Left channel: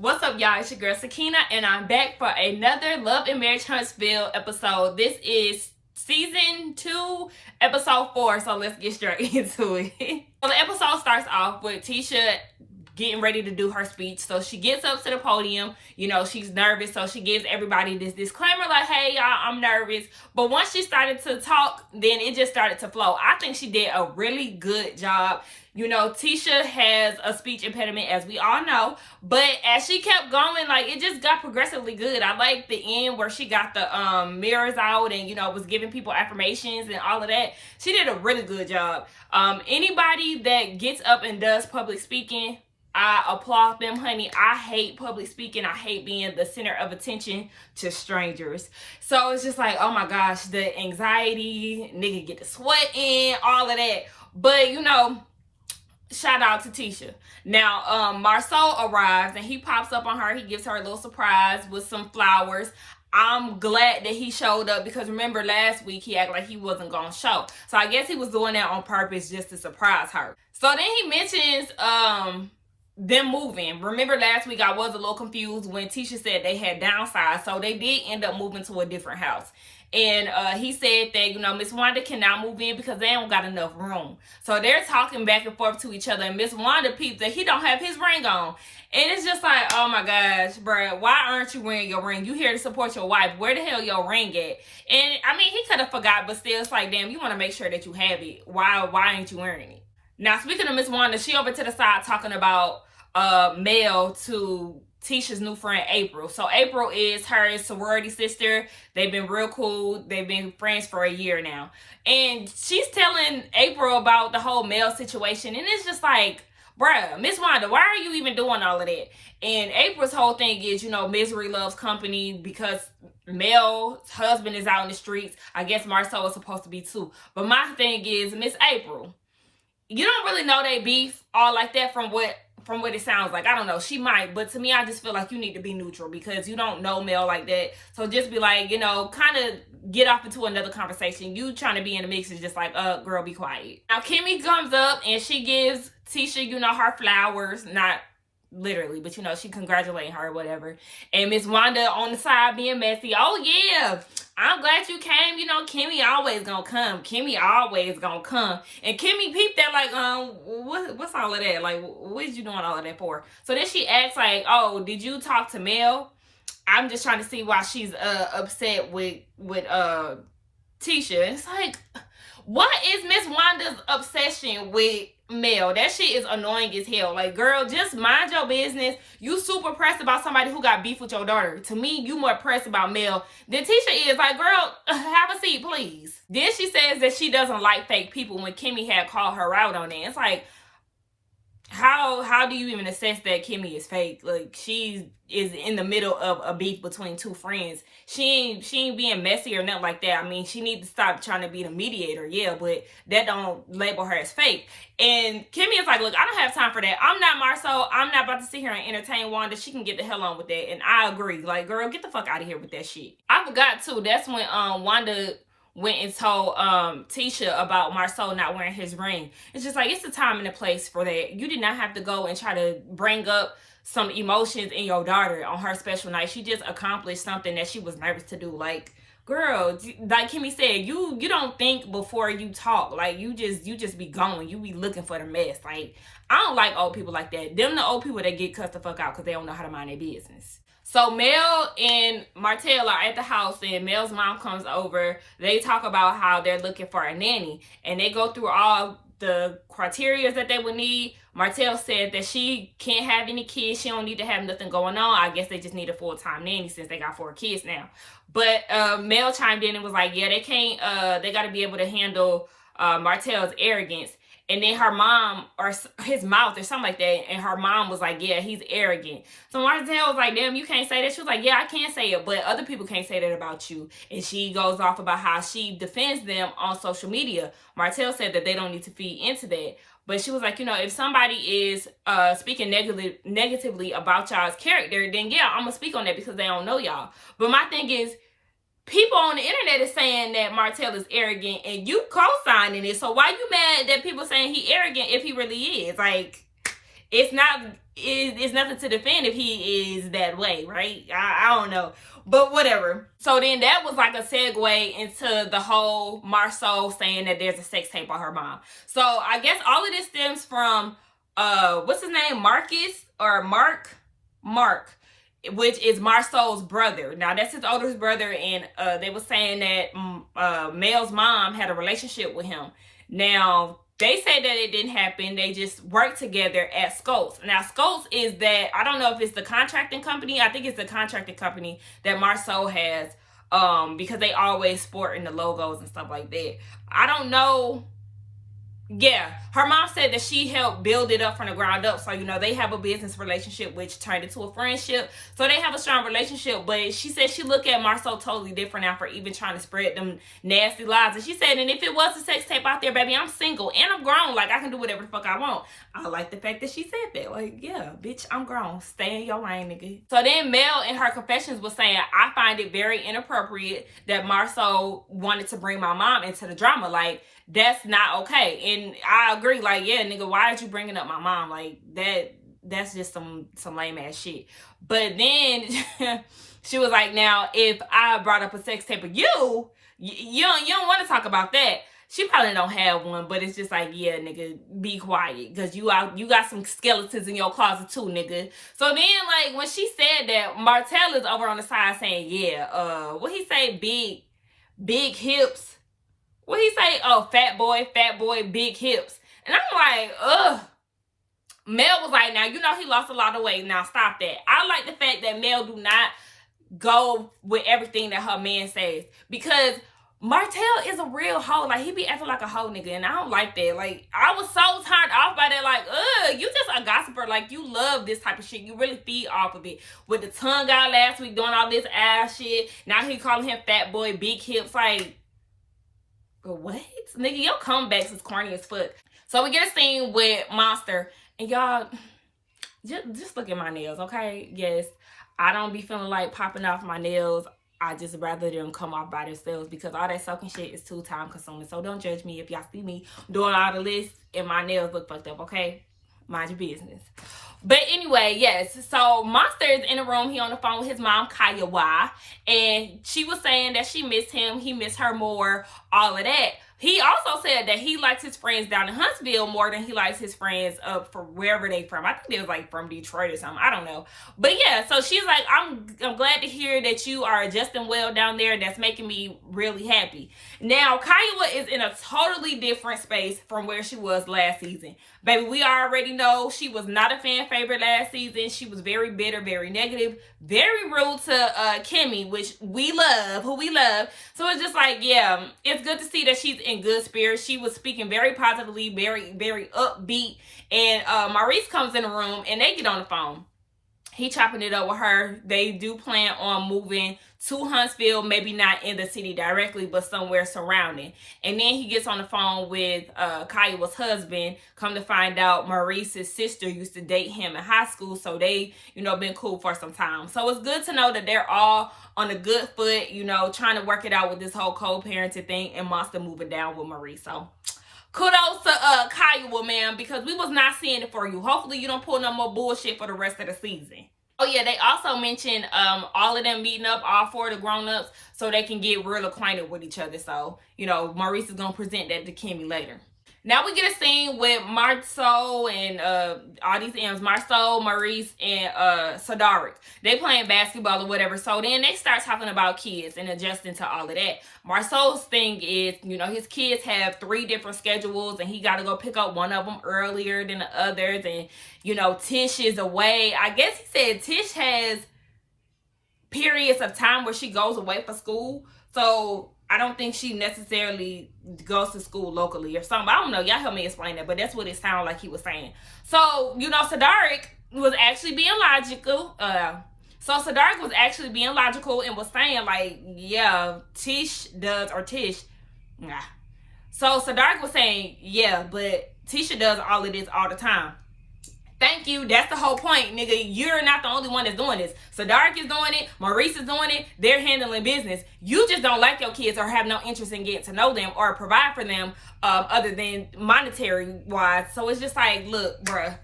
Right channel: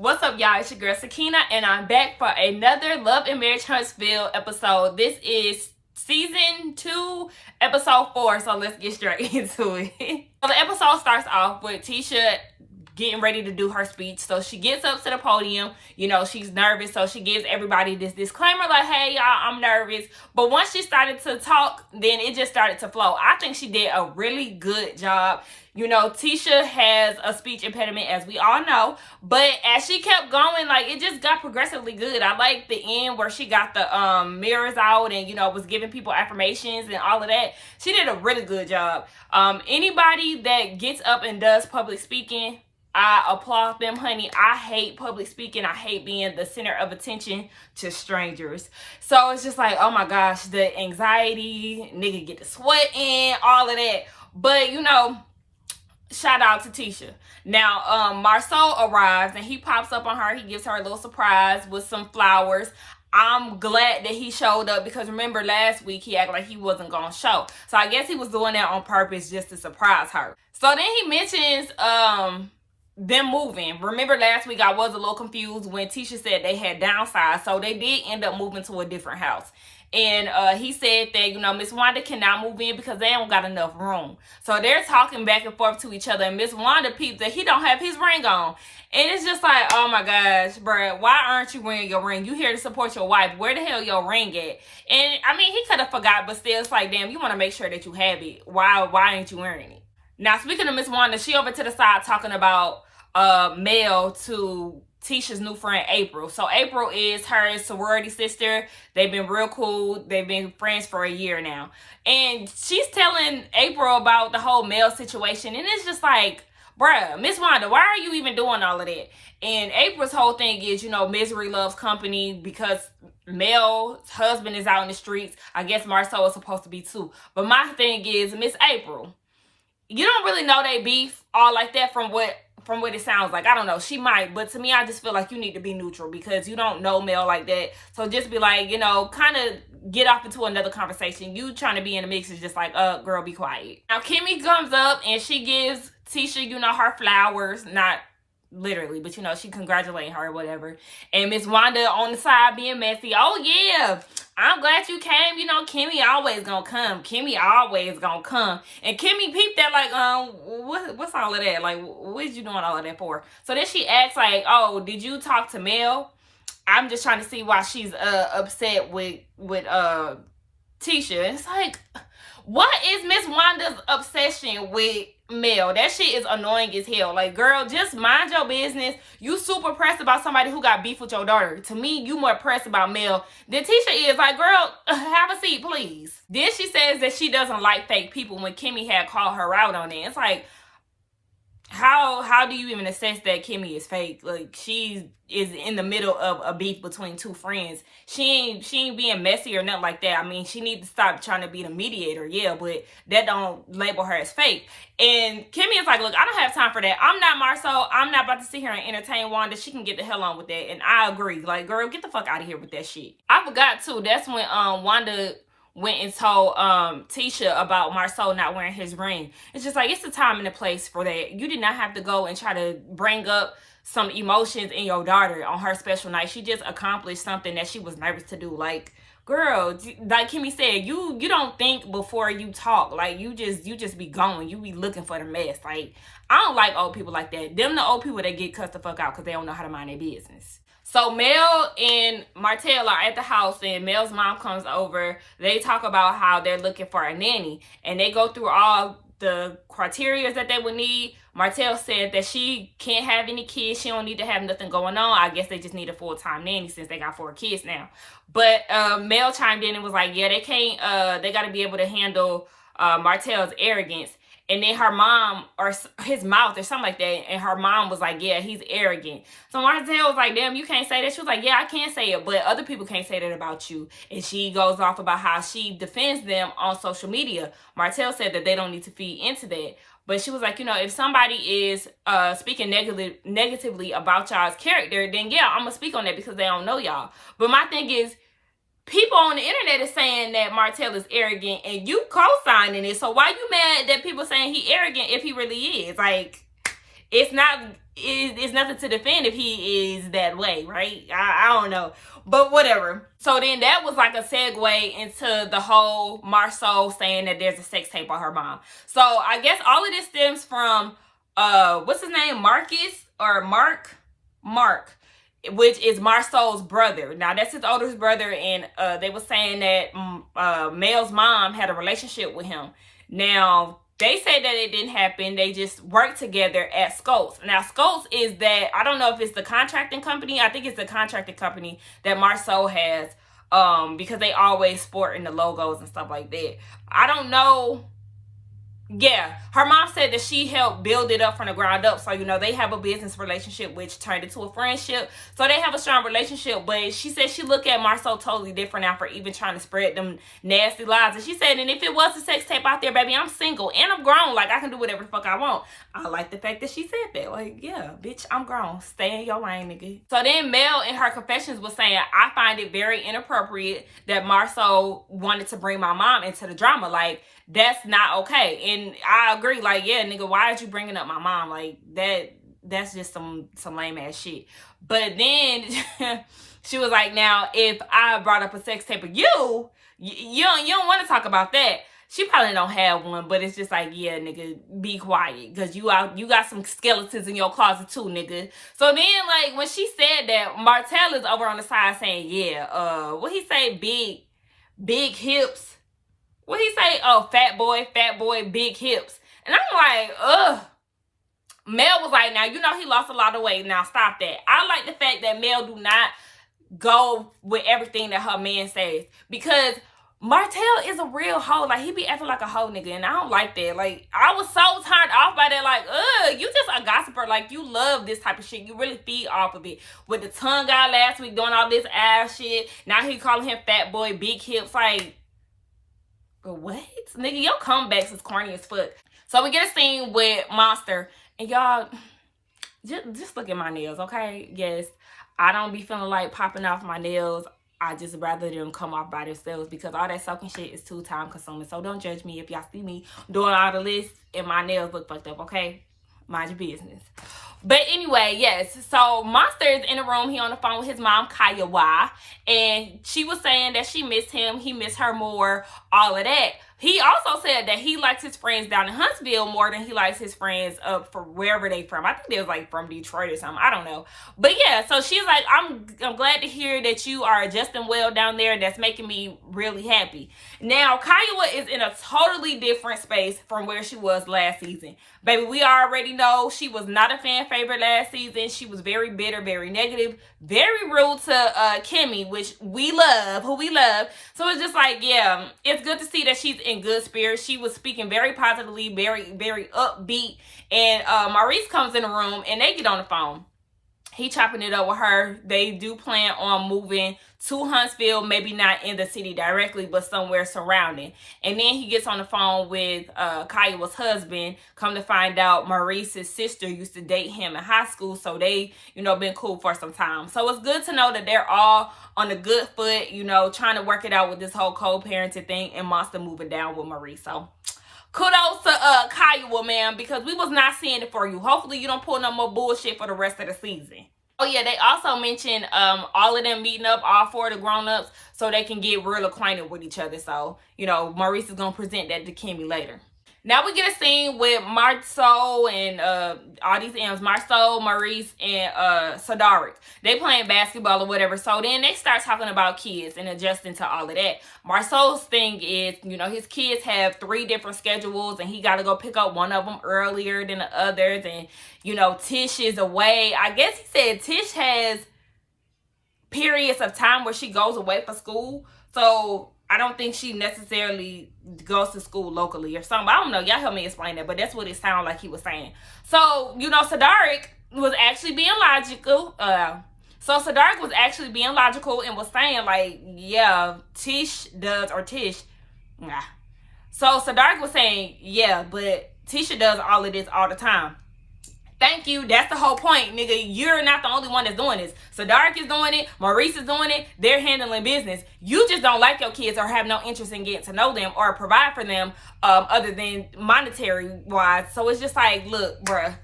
What's up, y'all? It's your girl Sakina, and I'm back for another Love and Marriage Huntsville episode. This is season 2, episode 4, so let's get straight into it. So the episode starts off with Tisha getting ready to do her speech. So she gets up to the podium, you know, she's nervous, so she gives everybody this disclaimer like, hey, y'all, I'm nervous. But once she started to talk, then it just started to flow. I think she did a really good job. You know, Tisha has a speech impediment, as we all know, but as she kept going, like, it just got progressively good. I like the end where she got the mirrors out and, you know, was giving people affirmations and all of that. She did a really good job. Anybody that gets up and does public speaking, I applaud them, honey. I hate public speaking. I hate being the center of attention to strangers. So it's just like, oh my gosh, the anxiety, nigga get the sweat in, all of that. But, you know, shout out to Tisha. Now, Marsau arrives and he pops up on her. He gives her a little surprise with some flowers. I'm glad that he showed up because remember last week he acted like he wasn't going to show. So I guess he was doing that on purpose just to surprise her. So then he mentions them moving. Remember last week I was a little confused when Tisha said they had downsized. So they did end up moving to a different house. And he said that, you know, Miss Wanda cannot move in because they don't got enough room. So they're talking back and forth to each other. And Miss Wanda peeps that he don't have his ring on. And it's just like, oh my gosh, bruh, why aren't you wearing your ring? You here to support your wife. Where the hell your ring at? And I mean, he could have forgot, but still, it's like, damn, you want to make sure that you have it. Why ain't you wearing it? Now, speaking of Miss Wanda, she over to the side talking about Mel to Tisha's new friend April. So April is her sorority sister. They've been real cool. They've been friends for a year now. And she's telling April about the whole Mel situation. And it's just like, bruh, Miss Wanda, why are you even doing all of that? And April's whole thing is, you know, misery loves company because Mel's husband is out in the streets. I guess Marsau is supposed to be too. But my thing is, Miss April, you don't really know they beef all like that from what it sounds like. I don't know. She might. But to me, I just feel like you need to be neutral because you don't know Mel like that. So just be like, you know, kind of get off into another conversation. You trying to be in the mix is just like, girl, be quiet. Now, Kimmy comes up and she gives Tisha, you know, her flowers. Not literally, but, you know, she congratulating her or whatever. And Miss Wanda on the side being messy. Oh, yeah. I'm glad you came. You know, Kimmy always gonna come. Kimmy always gonna come. And Kimmy peeped that like, what's all of that? Like, what is you doing all of that for? So then she asks like, oh, did you talk to Mel? I'm just trying to see why she's upset with Tisha. It's like, what is Miss Wanda's obsession with Mel? That shit is annoying as hell. Like, girl, just mind your business. You super pressed about somebody who got beef with your daughter. To me, you more pressed about Mel than Tisha is. Like, girl, have a seat, please. Then she says that she doesn't like fake people when Kimmy had called her out on it. It's like, how do you even assess that Kimmy is fake? Like, she is in the middle of a beef between two friends. She ain't being messy or nothing like that. I mean, she needs to stop trying to be the mediator, yeah, but that don't label her as fake. And Kimmy is like, look, I don't have time for that. I'm not Marsau. I'm not about to sit here and entertain Wanda. She can get the hell on with that. And I agree. Like, girl, get the fuck out of here with that shit. I forgot, too. That's when Wanda went and told Tisha about Marsau not wearing his ring. It's just like, it's the time and the place for that. You did not have to go and try to bring up some emotions in your daughter on her special night. She just accomplished something that she was nervous to do. Like, girl, like Kimmy said, you don't think before you talk. Like, you just be going. You be looking for the mess. Like, I don't like old people like that. Them the old people that get cussed the fuck out because they don't know how to mind their business. So Mel and Martell are at the house and Mel's mom comes over. They talk about how they're looking for a nanny. And they go through all the criteria that they would need. Martell said that she can't have any kids. She don't need to have nothing going on. I guess they just need a full-time nanny since they got 4 kids now. But Mel chimed in and was like, yeah, they can't, they got to be able to handle Martell's arrogance. And then her mom, or his mouth or something like that, and her mom was like, yeah, he's arrogant. So Martell was like, damn, you can't say that. She was like, yeah, I can't say it, but other people can't say that about you. And she goes off about how she defends them on social media. Martell said that they don't need to feed into that. But she was like, you know, if somebody is speaking negatively about y'all's character, then yeah, I'm going to speak on that because they don't know y'all. But my thing is, people on the internet is saying that Martell is arrogant and you co-signing it. So why you mad that people saying he arrogant if he really is? Like, it's not it's nothing to defend if he is that way, right? I don't know. But whatever. So then that was like a segue into the whole Marsau saying that there's a sex tape on her mom. So I guess all of this stems from, what's his name? Marcus or Mark, which is Marsau's brother. Now that's his oldest brother. And they were saying that Mel's mom had a relationship with him. Now, they say that it didn't happen. They just worked together at Scopes. Now, Scopes is that, I don't know if it's the contracting company. I think it's the contracting company that Marsau has, because they always sport in the logos and stuff like that. I don't know. Yeah, her mom said that she helped build it up from the ground up. So, you know, they have a business relationship, which turned into a friendship. So they have a strong relationship. But she said she looked at Marsau totally different now for even trying to spread them nasty lies. And she said, and if it was a sex tape out there, baby, I'm single and I'm grown. Like, I can do whatever the fuck I want. I like the fact that she said that. Like, yeah, bitch, I'm grown. Stay in your lane, nigga. So then Mel in her confessions was saying, I find it very inappropriate that Marsau wanted to bring my mom into the drama. Like, that's not okay. And I agree, like, yeah, nigga, why are you bringing up my mom? Like, that's just some lame ass shit. But then she was like, now, if I brought up a sex tape of you don't want to talk about that. She probably don't have one, but it's just like, yeah, nigga, be quiet. Because you got some skeletons in your closet too, nigga. So then, like, when she said that, Martell is over on the side saying, yeah, what he say? Big hips. What he say? Oh, fat boy, big hips. And I'm like, ugh. Mel was like, now, you know he lost a lot of weight. Now, stop that. I like the fact that Mel do not go with everything that her man says. Because Martell is a real hoe. Like, he be acting like a hoe nigga. And I don't like that. Like, I was so turned off by that. Like, you just a gossiper. Like, you love this type of shit. You really feed off of it. With the tongue out last week doing all this ass shit. Now he calling him fat boy, big hips. Like, but what? Nigga, your comebacks is corny as fuck. So we get a scene with Monster. And y'all, just look at my nails, okay? Yes, I don't be feeling like popping off my nails. I just rather them come off by themselves because all that soaking shit is too time consuming. So don't judge me if y'all see me doing all the lists and my nails look fucked up, okay? Mind your business. But anyway, yes. So Monster is in the room. He on the phone with his mom, Kyla, and she was saying that she missed him. He missed her more. All of that. He also said that he likes his friends down in Huntsville more than he likes his friends up for wherever they from. I think they was like from Detroit or something. I don't know. But yeah, so she's like, I'm glad to hear that you are adjusting well down there. That's making me really happy. Now, Kyla is in a totally different space from where she was last season. Baby, we already know she was not a fan favorite last season. She was very bitter, very negative, very rude to Kimmy, which we love, who we love. So it's just like, yeah, it's good to see that she's in good spirits. She was speaking very positively, very, very upbeat. And Maurice comes in the room and they get on the phone. He chopping it up with her. They do plan on moving to Huntsville, maybe not in the city directly, but somewhere surrounding. And then he gets on the phone with Kyla's husband. Come to find out, Maurice's sister used to date him in high school, so they, you know, been cool for some time. So it's good to know that they're all on a good foot, you know, trying to work it out with this whole co-parenting thing and Monster moving down with Maurice. So kudos to Kyla, man, because we was not seeing it for you. Hopefully you don't pull no more bullshit for the rest of the season. Oh yeah, they also mentioned all of them meeting up, all four of the grown-ups, so they can get real acquainted with each other. So, you know, Maurice is going to present that to Kimmy later. Now we get a scene with Marsau and all these M's, Marsau, Maurice, and Sadaric. They playing basketball or whatever. So then they start talking about kids and adjusting to all of that. Marsau's thing is, you know, his kids have 3 different schedules and he got to go pick up one of them earlier than the others. And, you know, Tish is away. I guess he said Tish has periods of time where she goes away for school. So I don't think she necessarily goes to school locally or something. I don't know. Y'all help me explain that. But that's what it sounded like he was saying. So, you know, Sadaric was actually being logical. Sadaric was actually being logical and was saying, like, yeah, Tish does, or Tish. Nah. So Sadaric was saying, yeah, but Tisha does all of this all the time. Thank you. That's the whole point, nigga. You're not the only one that's doing this. Sadaric is doing it. Maurice is doing it. They're handling business. You just don't like your kids or have no interest in getting to know them or provide for them other than monetary-wise. So it's just like, look, bruh,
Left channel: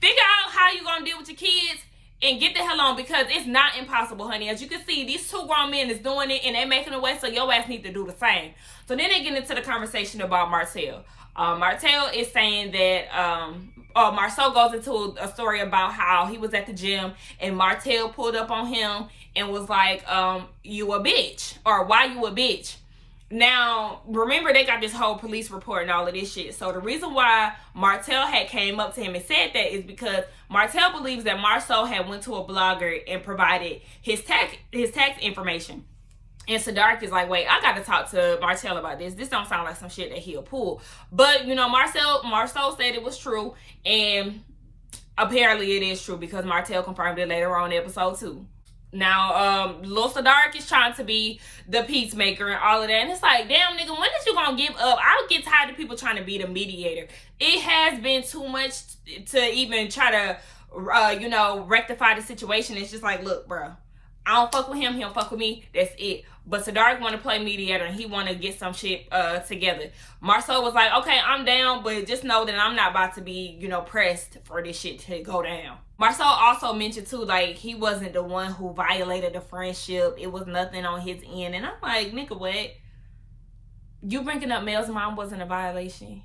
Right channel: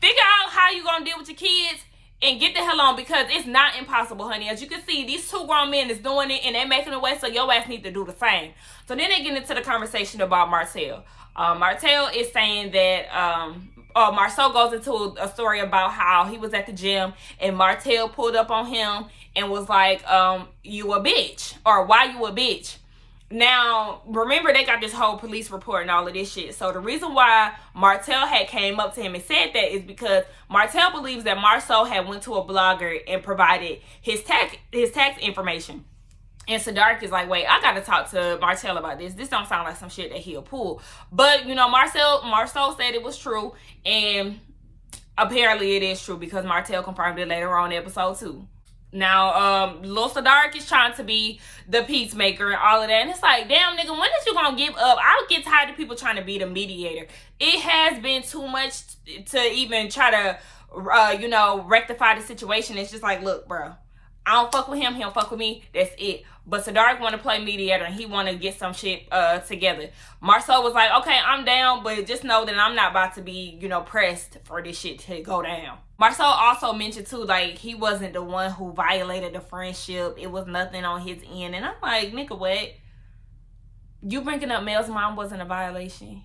figure out how you gonna deal with your kids and get the hell on, because it's not impossible, honey. As you can see, these two grown men is doing it and they making it away, so your ass need to do the same. So then they get into the conversation about Martell. Martell is saying that Marcel goes into a story about how he was at the gym and Martell pulled up on him and was like, you a bitch, or why you a bitch. Now, remember, they got this whole police report and all of this shit. So the reason why Martell had came up to him and said that is because Martell believes that Marcel had went to a blogger and provided his tax information. And Sadark is like, wait, I got to talk to Martell about this. This don't sound like some shit that he'll pull. But, you know, Marcel said it was true. And apparently it is true because Martell confirmed it later on in episode 2. Now, Lil Sadark is trying to be the peacemaker and all of that. And it's like, damn, nigga, when is you gonna give up? I get tired of people trying to be the mediator. It has been too much to even try to, you know, rectify the situation. It's just like, look, bro, I don't fuck with him. He don't fuck with me. That's it. But Sadark want to play mediator and he want to get some shit together. Marcel was like, okay, I'm down, but just know that I'm not about to be, you know, pressed for this shit to go down. Marcel also mentioned too, like, he wasn't the one who violated the friendship. It was nothing on his end. And I'm like, nigga, what? You bringing up Mel's mom wasn't a violation.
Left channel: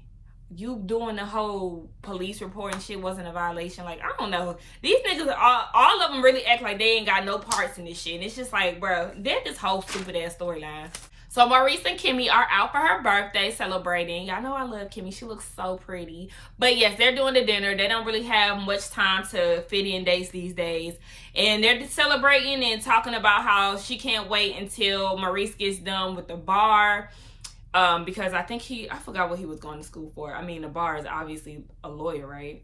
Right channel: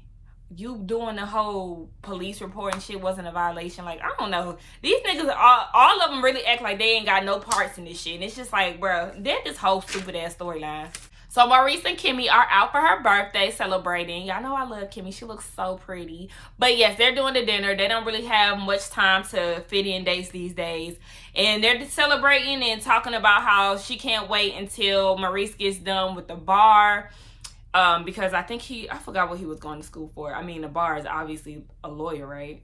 You doing the whole police report and shit wasn't a violation. Like, I don't know. These niggas, all of them really act like they ain't got no parts in this shit. And it's just like, bro, they're this whole stupid ass storyline. So Maurice and Kimmy are out for her birthday celebrating. Y'all know I love Kimmy. She looks so pretty. But yes, they're doing the dinner. They don't really have much time to fit in dates these days. And they're celebrating and talking about how she can't wait until Maurice gets done with the bar. Because I think I forgot what he was going to school for. I mean, the bar is obviously a lawyer, right?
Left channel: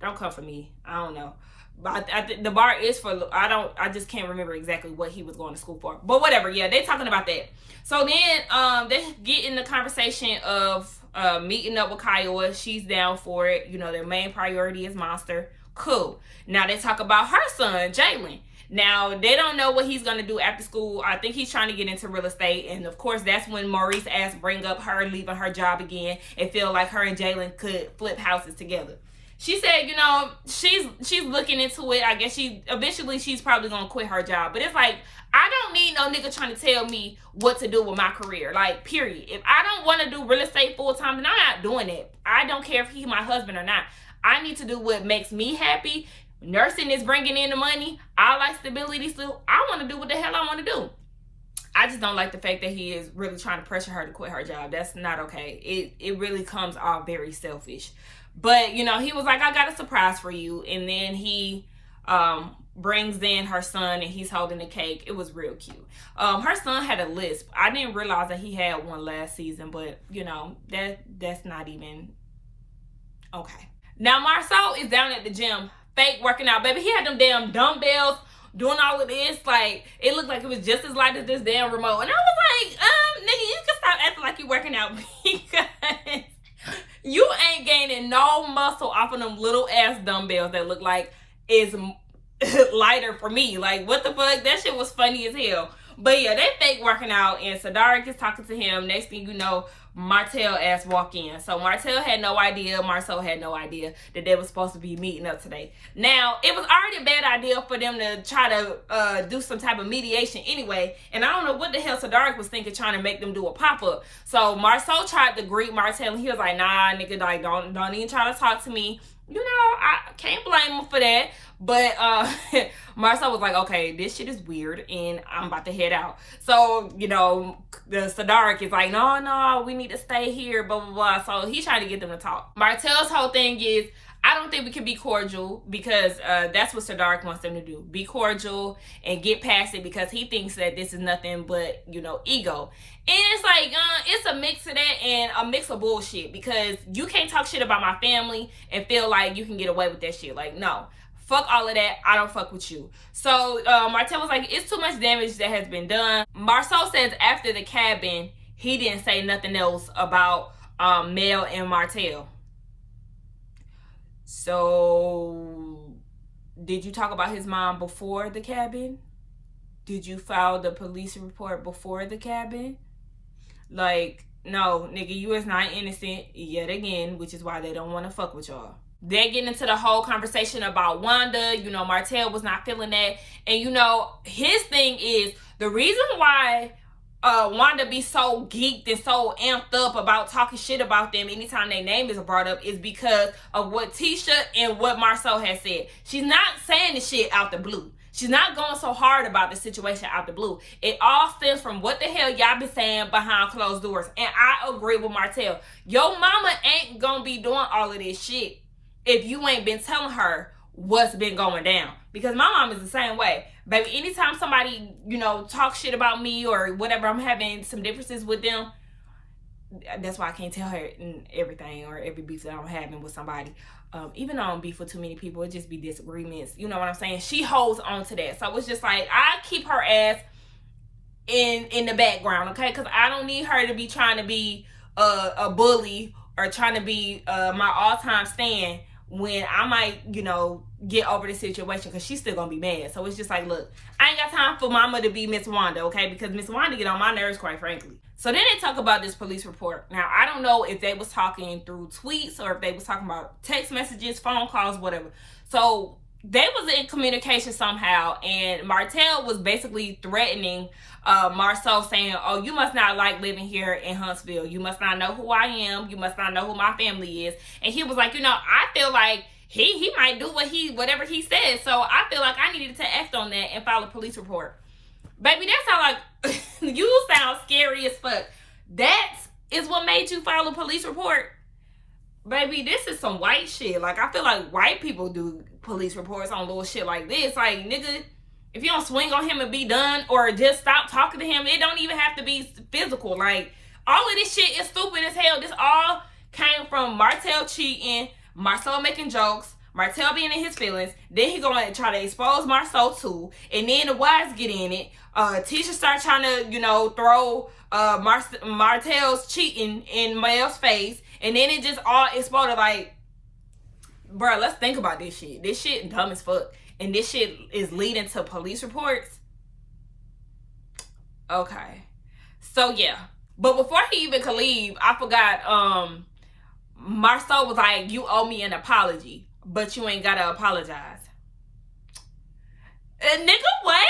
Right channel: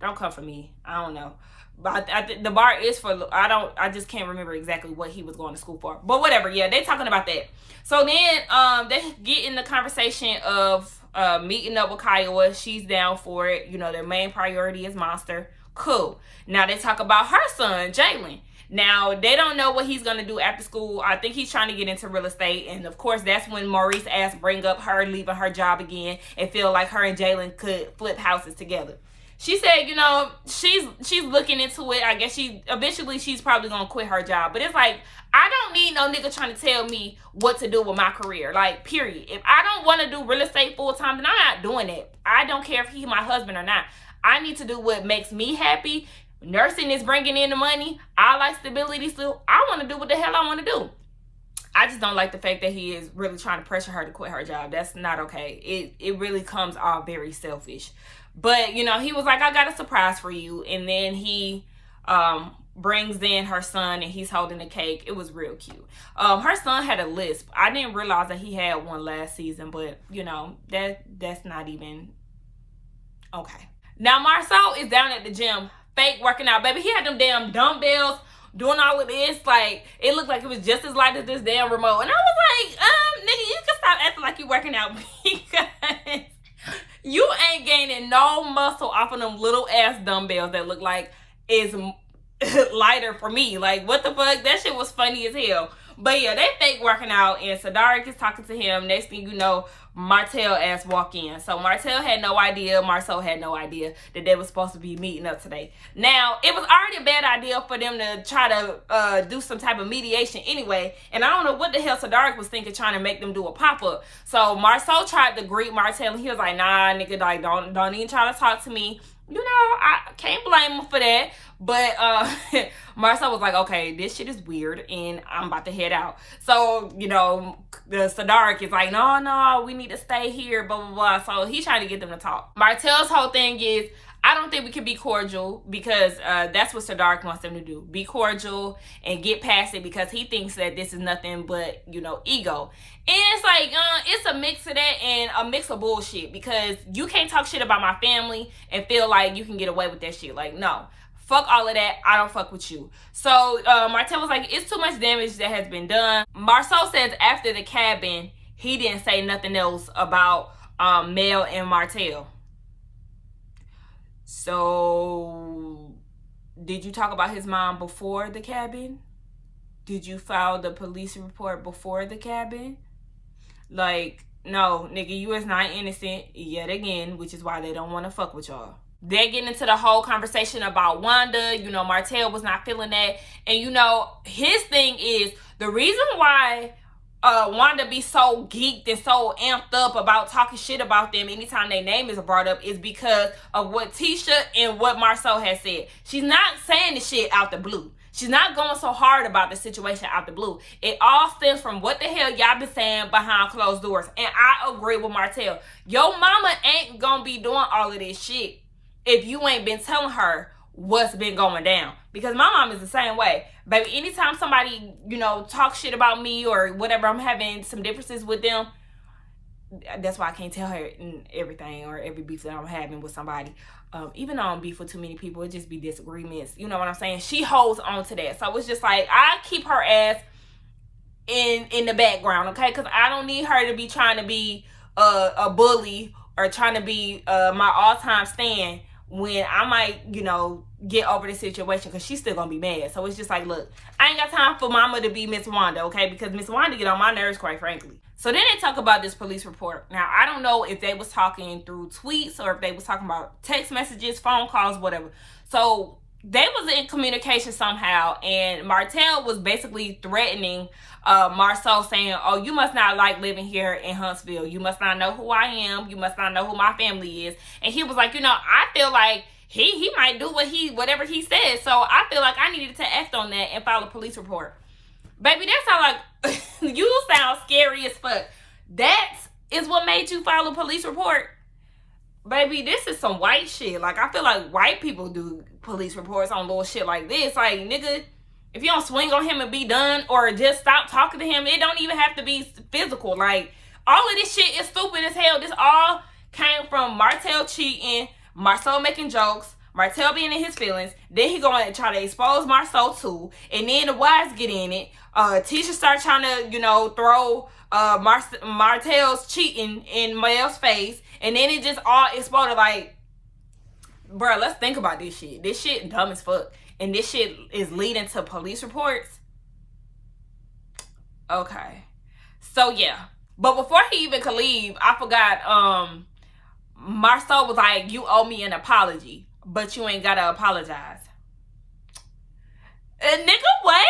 Don't come for me. I don't know. But the bar is for, I just can't remember exactly what he was going to school for. But whatever, yeah, they talking about that. So then, they get in the conversation of meeting up with Kyla. She's down for it. You know, their main priority is Monster. Cool. Now they talk about her son, Jalen. Now, they don't know what he's going to do after school. I think he's trying to get into real estate. And, of course, that's when Maurice asked bring up her leaving her job again and feel like her and Jalen could flip houses together. She said, you know, she's looking into it. I guess eventually she's probably going to quit her job. But it's like, I don't need no nigga trying to tell me what to do with my career. Like, period. If I don't want to do real estate full time, then I'm not doing it. I don't care if he's my husband or not. I need to do what makes me happy. Nursing is bringing in the money. I like stability still. I want to do what the hell I want to do. I just don't like the fact that he is really trying to pressure her to quit her job. That's not okay. It really comes off very selfish. But, you know, he was like, I got a surprise for you. And then he brings in her son and he's holding the cake. It was real cute. Her son had a lisp. I didn't realize that he had one last season, but, you know, that's not even okay. Now, Marsau is down at the gym, fake working out. Baby, he had them damn dumbbells doing all of this. Like, it looked like it was just as light as this damn remote. And I was like, nigga, you can stop acting like you working out because you ain't gaining no muscle off of them little ass dumbbells that look like is lighter for me. Like, what the fuck? That shit was funny as hell. But yeah, they fake working out and Sadark is talking to him. Next thing you know, Martell ass walk in. So Martell had no idea, Marcel had no idea that they were supposed to be meeting up today. Now, it was already a bad idea for them to try to do some type of mediation anyway. And I don't know what the hell Sadark was thinking trying to make them do a pop-up. So Marcel tried to greet Martell and he was like, nah, nigga, like, don't even try to talk to me. You know, I can't blame him for that. But Marcel was like, okay, this shit is weird and I'm about to head out. So, you know, the Sadark is like, no, we need to stay here, blah, blah, blah. So he's trying to get them to talk. Martell's whole thing is, I don't think we can be cordial because that's what Sadark wants them to do. Be cordial and get past it because he thinks that this is nothing but, you know, ego. And it's like, it's a mix of that and a mix of bullshit because you can't talk shit about my family and feel like you can get away with that shit. Like, no. Fuck all of that. I don't fuck with you. So Martell was like, it's too much damage that has been done. Marsau says after the cabin, he didn't say nothing else about Mel and Martell. So, did you talk about his mom before the cabin? Did you file the police report before the cabin? Like, no, nigga, you is not innocent yet again, which is why they don't want to fuck with y'all. they're getting into the whole conversation about Wanda. You know, Martell was not feeling that. And, you know, his thing is the reason why Wanda be so geeked and so amped up about talking shit about them anytime their name is brought up is because of what Tisha and what Marsau has said. She's not saying the shit out the blue. She's not going so hard about the situation out the blue. It all stems from what the hell y'all been saying behind closed doors. And I agree with Martell. Your mama ain't gonna be doing all of this shit if you ain't been telling her what's been going down. Because my mom is the same way. Baby, anytime somebody, you know, talks shit about me or whatever, I'm having some differences with them, that's why I can't tell her everything or every beef that I'm having with somebody. Even though I don't beef with too many people, it just be disagreements. You know what I'm saying? She holds on to that. So it's just like, I keep her ass in the background, okay? Because I don't need her to be trying to be a bully or trying to be my all-time stand when I might, you know, get over the situation, because she's still gonna be mad. So it's just like, look, I ain't got time for mama to be Miss Wanda, okay? Because Miss Wanda get on my nerves, quite frankly. So then they talk about this police report. Now, I don't know if they was talking through tweets or if they was talking about text messages, phone calls, whatever. So they was in communication somehow, and Martell was basically threatening Marsau, saying, oh, you must not like living here in Huntsville. You must not know who I am. You must not know who my family is. And he was like, you know, I feel like he might do whatever he says. So I feel like I needed to act on that and file a police report. Baby, that sound like you sound scary as fuck. That is what made you file a police report? Baby, this is some white shit. Like, I feel like white people do police reports on little shit like this. Like, nigga, if you don't swing on him and be done, or just stop talking to him, it don't even have to be physical. Like, all of this shit is stupid as hell. This all came from Martell cheating, Marsau making jokes, Martell being in his feelings. Then he going to try to expose Marsau too. And then the wives get in it. Tisha start trying to, you know, throw Martell's cheating in Mel's face. And then it just all exploded. Like, bruh, let's think about this shit. This shit dumb as fuck. And this shit is leading to police reports. Okay. So, yeah. But before he even could leave, I forgot, Marsau was like, you owe me an apology, but you ain't gotta apologize. Nigga, what?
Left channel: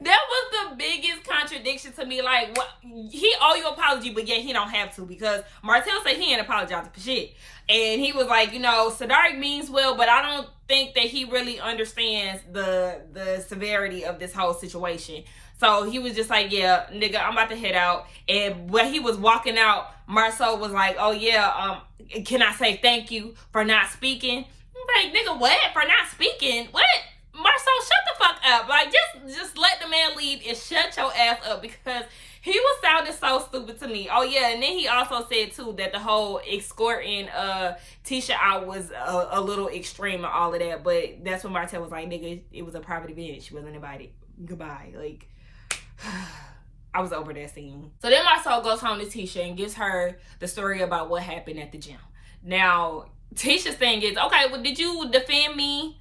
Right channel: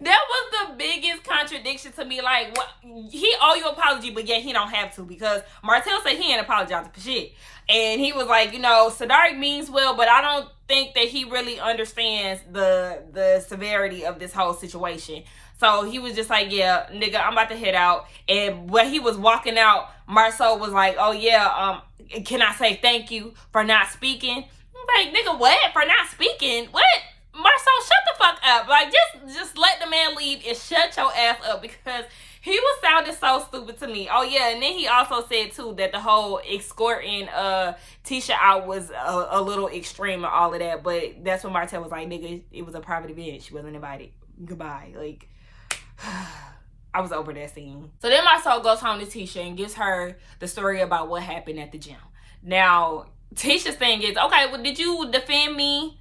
That was the biggest contradiction to me. Like, what? He owe you an apology, but yet he don't have to, because Martell said he ain't apologizing for shit. And he was like, you know, Sadari means well, but I don't think that he really understands the severity of this whole situation. So he was just like, yeah, nigga, I'm about to head out. And when he was walking out, Marsau was like, oh yeah, can I say thank you for not speaking? I'm like, nigga, what? For not speaking? What? Marsau, shut the fuck up. Like, just let the man leave and shut your ass up, because he was sounding so stupid to me. Oh, yeah, and then he also said, too, that the whole escorting Tisha out was a little extreme and all of that. But that's when Martell was like, nigga, it was a private event. She wasn't invited. Goodbye. Like, I was over that scene. So then Marsau goes home to Tisha and gives her the story about what happened at the gym. Now, Tisha's thing is, okay, well, did you defend me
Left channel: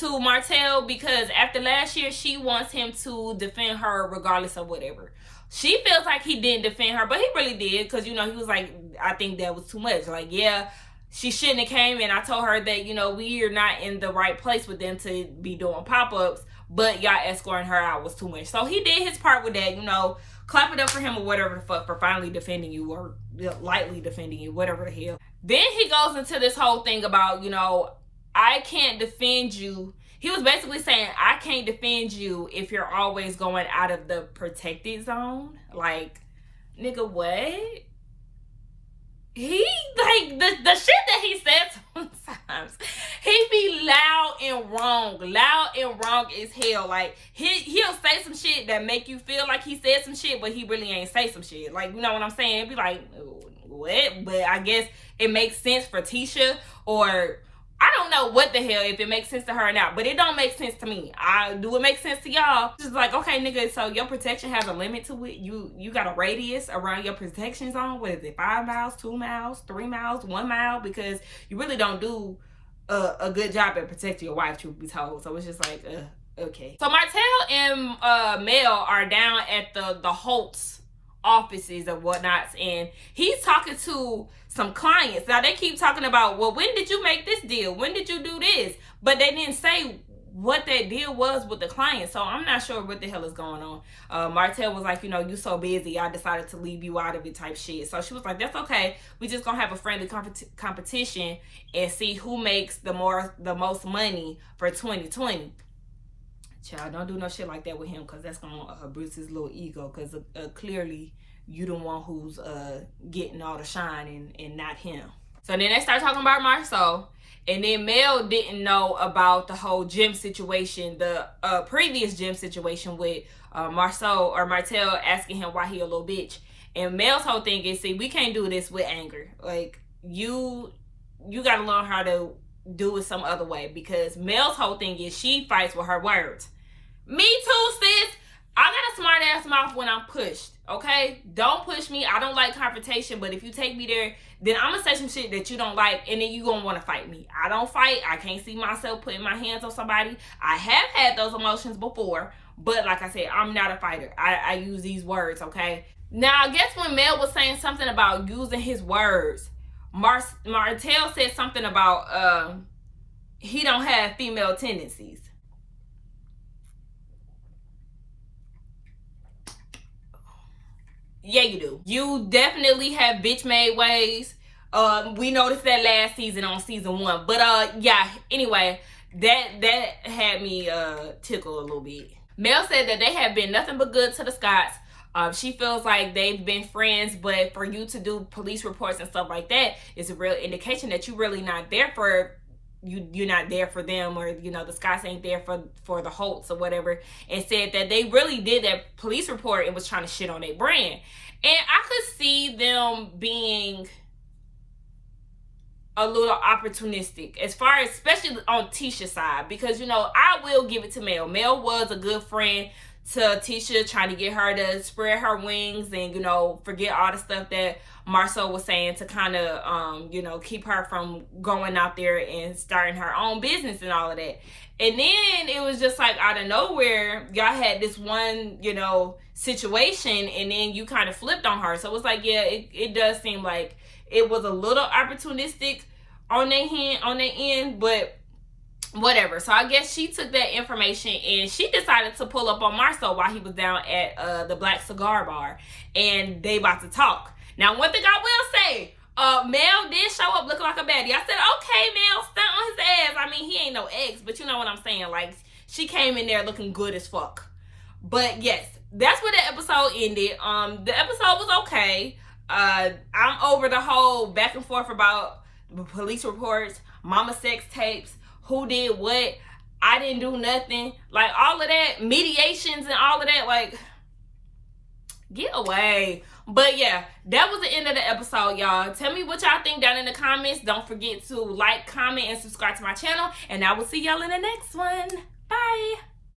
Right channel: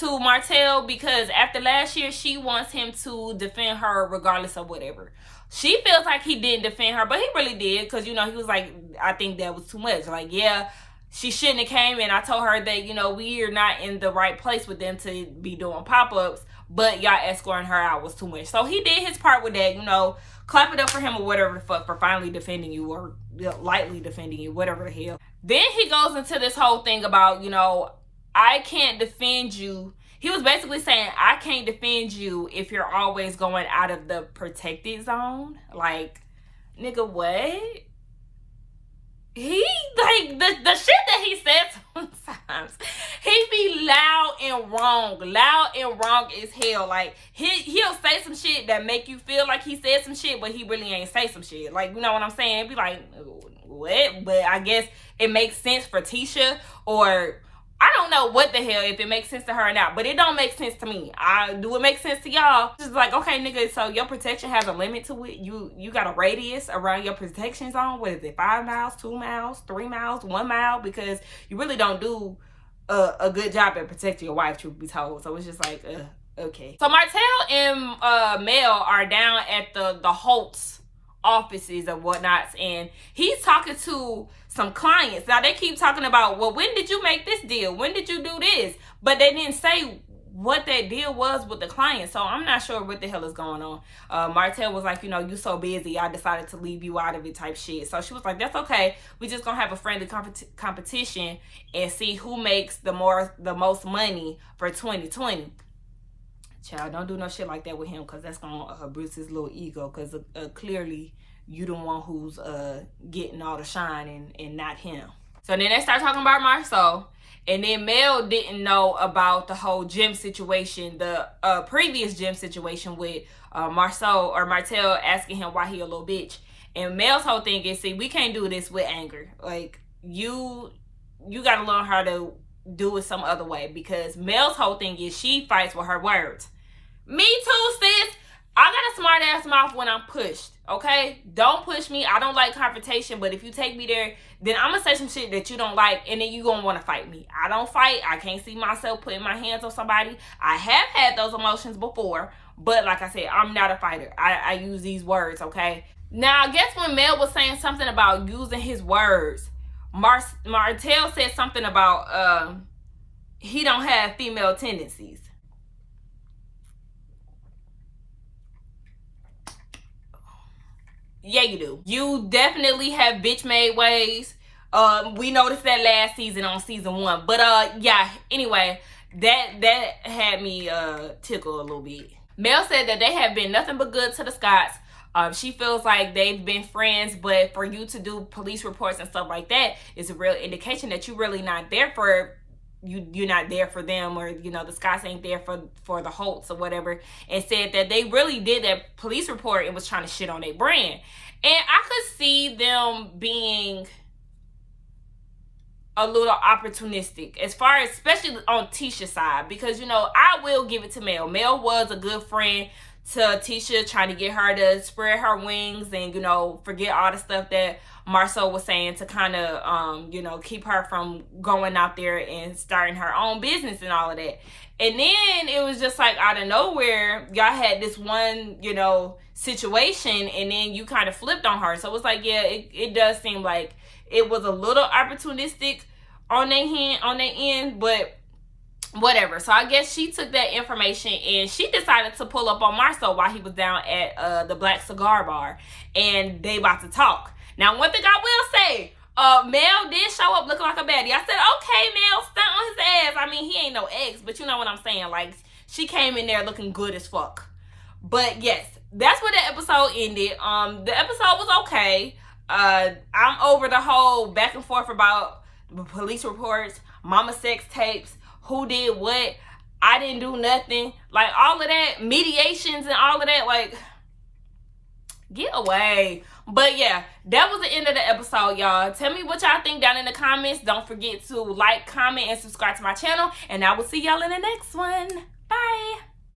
to Martell? Because after last year, she wants him to defend her regardless of whatever. She feels like he didn't defend her, but he really did, because, you know, he was like, I think that was too much. Like, yeah, she shouldn't have came, and I told her that, you know, we are not in the right place with them to be doing pop-ups, but y'all escorting her out was too much. So he did his part with that, you know, clap it up for him or whatever the fuck for finally defending you, or lightly defending you, whatever the hell. Then he goes into this whole thing about, you know, I can't defend you. He was basically saying, I can't defend you if you're always going out of the protected zone. Like, nigga, what? He, like, the shit that he says sometimes, he be loud and wrong as hell. Like, he'll say some shit that make you feel like he said some shit, but he really ain't say some shit. Like, you know what I'm saying? It'd be like, what? But I guess it makes sense for Tisha, or I don't know what the hell, if it makes sense to her or not, but it don't make sense to me. Do it make sense to y'all? It's like, okay, nigga, so your protection has a limit to it. You got a radius around your protection zone. What is it? 5 miles, 2 miles, 3 miles, 1 mile? Because you really don't do a good job at protecting your wife, truth be told. So it's just like, okay. So Martell and Mel are down at the Holtz offices and whatnots, and he's talking to some clients. Now they keep talking about, well, when did you make this deal? When did you do this? But they didn't say what that deal was with the client. So I'm not sure what the hell is going on. Martell was like, you know, you so busy, I decided to leave you out of it type shit. So she was like, that's okay. We just gonna have a friendly competition and see who makes the most money for 2020. Child, don't do no shit like that with him, because that's gonna bruise his little ego, because clearly you the one who's getting all the shine and not him. So then they start talking about Marsau. And then Mel didn't know about the whole gym situation, the previous gym situation with Marsau or Martell asking him why he a little bitch. And Mel's whole thing is, see, we can't do this with anger. Like, you got to learn how to do it some other way, because Mel's whole thing is she fights with her words. Me too, sis. I got a smart ass mouth when I'm pushed, okay? Don't push me. I don't like confrontation, but if you take me there, then I'm gonna say some shit that you don't like, and then you gonna want to fight me. I don't fight. I can't see myself putting my hands on somebody. I have had those emotions before, but like I said, I'm not a fighter. I use these words, okay? Now, I guess when Mel was saying something about using his words, Martell said something about he don't have female tendencies. Yeah, you do. You definitely have bitch-made ways. We noticed that last season on season 1. But yeah, anyway, that had me tickle a little bit. Mel said that they have been nothing but good to the Scotts. She feels like they've been friends, but for you to do police reports and stuff like that is a real indication that you're really not there for you're not there for them, or you know, the Scotts ain't there for the Holtz or whatever. And said that they really did that police report and was trying to shit on their brand. And I could see them being a little opportunistic, as far as, especially on Tisha's side, because, you know, I will give it to Mel. Mel was a good friend to Tisha, trying to get her to spread her wings and, you know, forget all the stuff that Marsau was saying to kind of, you know, keep her from going out there and starting her own business and all of that. And then it was just like out of nowhere, y'all had this one, you know, situation, and then you kind of flipped on her. So it was like, yeah, it does seem like it was a little opportunistic on their end, but whatever. So I guess she took that information and she decided to pull up on Marsau while he was down at the Black Cigar Bar, and they about to talk. Now, one thing I will say, Mel did show up looking like a baddie. I said, okay, Mel, stunt on his ass. I mean, he ain't no ex, but you know what I'm saying. Like, she came in there looking good as fuck. But yes, that's where the episode ended. The episode was okay. I'm over the whole back and forth about police reports, mama sex tapes, who did what, I didn't do nothing, like all of that, mediations and all of that, like, get away. But yeah, that was the end of the episode, y'all. Tell me what y'all think down in the comments. Don't forget to like, comment, and subscribe to my channel, and I will see y'all in the next one. Bye.